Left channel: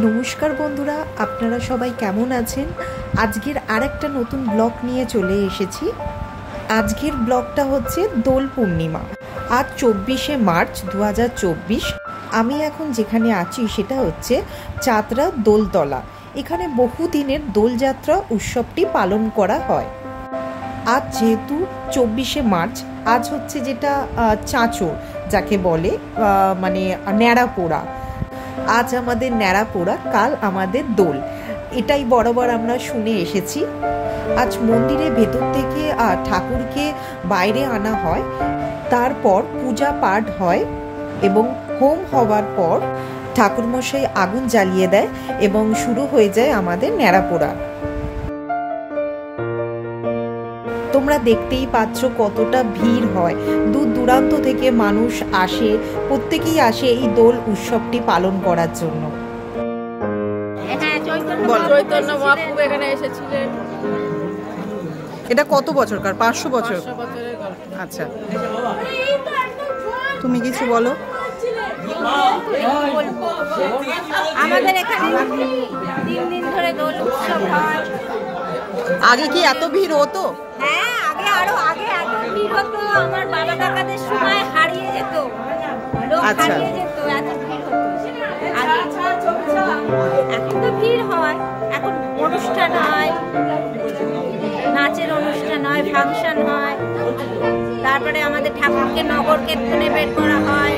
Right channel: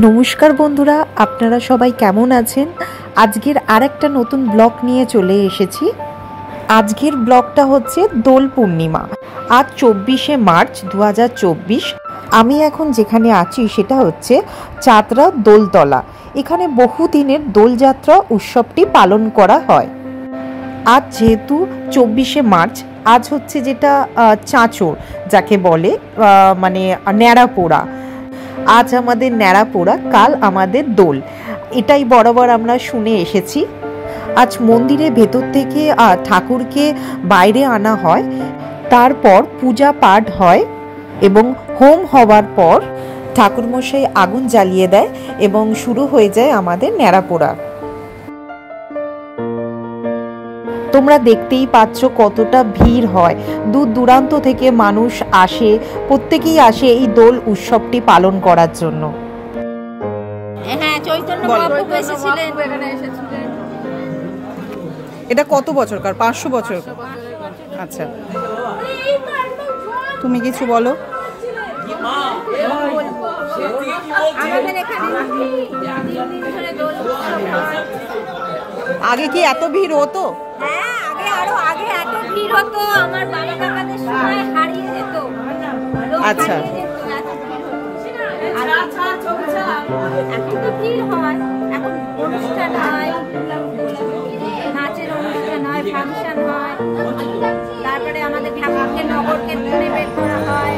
নমস্কার বন্ধুরা, আপনারা সবাই কেমন আছেন? আজকের আরেকটা নতুন ব্লগ নিয়ে চলে এসেছি। আজকের ব্লগটা হচ্ছে দোল পূর্ণিমা। আজ 24শে মার্চ 2024। আমি এখন যেখানে আছি সেটা হচ্ছে চাতরা দোলতলা। এখানে বহুদিনের দোলযাত্রা উৎসবটি পালন করা হয়। আজ যেহেতু 24শে মার্চ, আজ হচ্ছে যেটা চাঁচর যাকে বলে, মানে ন্যাড়া পোড়া। আজ আমাদের ন্যাড়া পোড়া, কাল আমাদের দোল, এটাই বরাবর আমরা শুনে এসেছি। আজ মন্দিরের ভেতর থেকে ঠাকুরকে বাইরে আনা হয়, তারপর পূজা পাঠ হয় এবং হোম হওয়ার পর ঠাকুরমশাই আগুন জ্বালিয়ে দেয় এবং শুরু হয়ে যায় আমাদের ন্যাড়া পোড়া। তোমরা দেখতেই পাচ্ছ কতটা ভিড় হয়, দূর দূরান্ত থেকে মানুষ আসে, প্রত্যেকেই আসে এই দোল উৎসবটি পালন করার জন্য। এটা কত বছরকার? 500 বছর। আচ্ছা, তুমি কিছু বলো। আগে কি এত ভিড় হতো? আরো আগে এত ভিড় হতো, আমার বাবা কাকাদের সময় হারিয়ে যেত। আচ্ছা, এখন তো ভিড় হয়, এখন অনুষ্ঠান হয়, নাচের অনুষ্ঠান হয়, ফাংশন হয়, তারপরে আমাদের ঠাকুরকে নগর কীর্তনে বের করা হয়।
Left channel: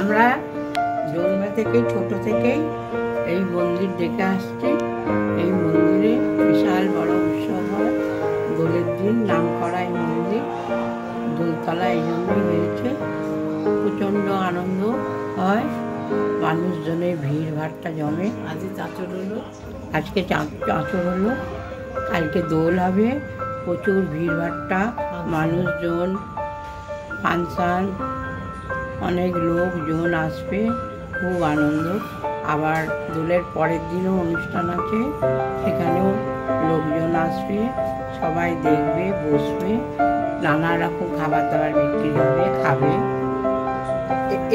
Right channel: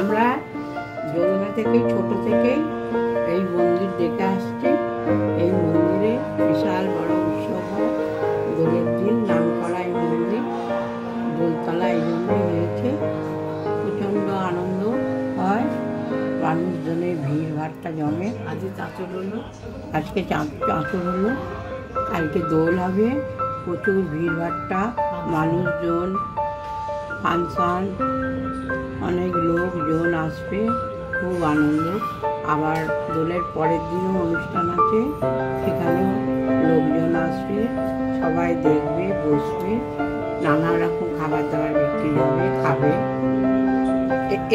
আমরা জন্ম থেকেই ছোট থেকেই এই মন্দির দেখে আসছি। এই মন্দিরে বিশাল বড় উৎসব হয়। দোলের দিন নাম করা এই মন্দির দোলতলা এই জন্যই হয়েছে। প্রচণ্ড আনন্দ হয়, মানুষজনের ভিড় ভাড়টা জমে। আজকে চাঁচর হলো, আজকে চাঁচর হলো, কালকে দোল হবে। প্রচুর ভিড় ভাড়টা, মানুষজন, ফাংশন, অনেক লোকজন আসবে, খুব আনন্দ। আবার দোলের পরের দিনও অনুষ্ঠান আছে, সেখানেও লোকজন আসবে, সবাই দেখবে, বসবে, নানা রকম খাবার দাবার বিক্রি হবে, খাবে।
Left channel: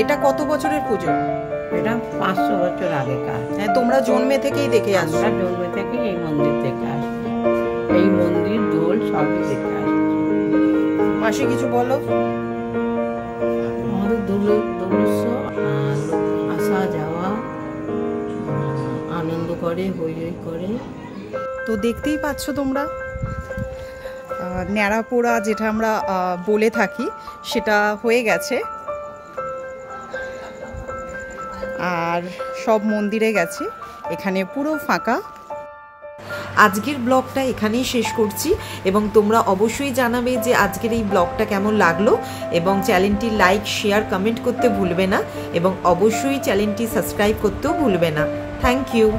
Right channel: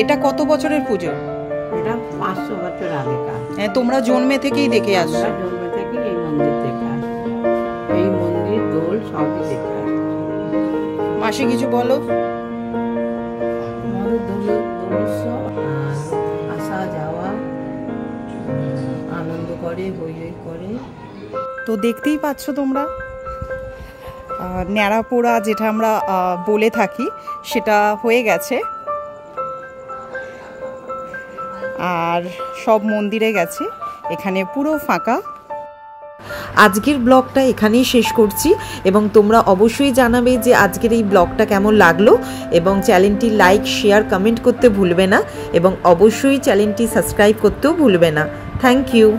এটা কত বছরের পুজো? এটা 500 বছর আগেকার। তোমরা জন্মে থেকেই দেখে আসো? আমরা জন্ম থেকেই এই মন্দির দেখে আসি, এই মন্দির দোল সবই দেখে আসি। মাসি কিছু বলো। আমাদের দোল উৎসব আসা যাওয়া, আনন্দ করে, হই হই করে। তো দেখতেই পাচ্ছ তোমরা, ন্যাড়া পোড়া যেটা আমরা বলে থাকি সেটা হয়ে গেছে, আর সব মন্দিরে গেছে, এখানে পুরো ফাঁকা। আজকের ব্লগটা এখানেই শেষ করছি এবং তোমরা অবশ্যই জানাবে যে আজকের এই ব্লগটা কেমন লাগলো এবং চ্যানেলটি লাইক, শেয়ার, কমেন্ট করতে ভুলবে না এবং অবশ্যই চ্যানেলটি সাবস্ক্রাইব করতেও ভুলবে না। Thank you.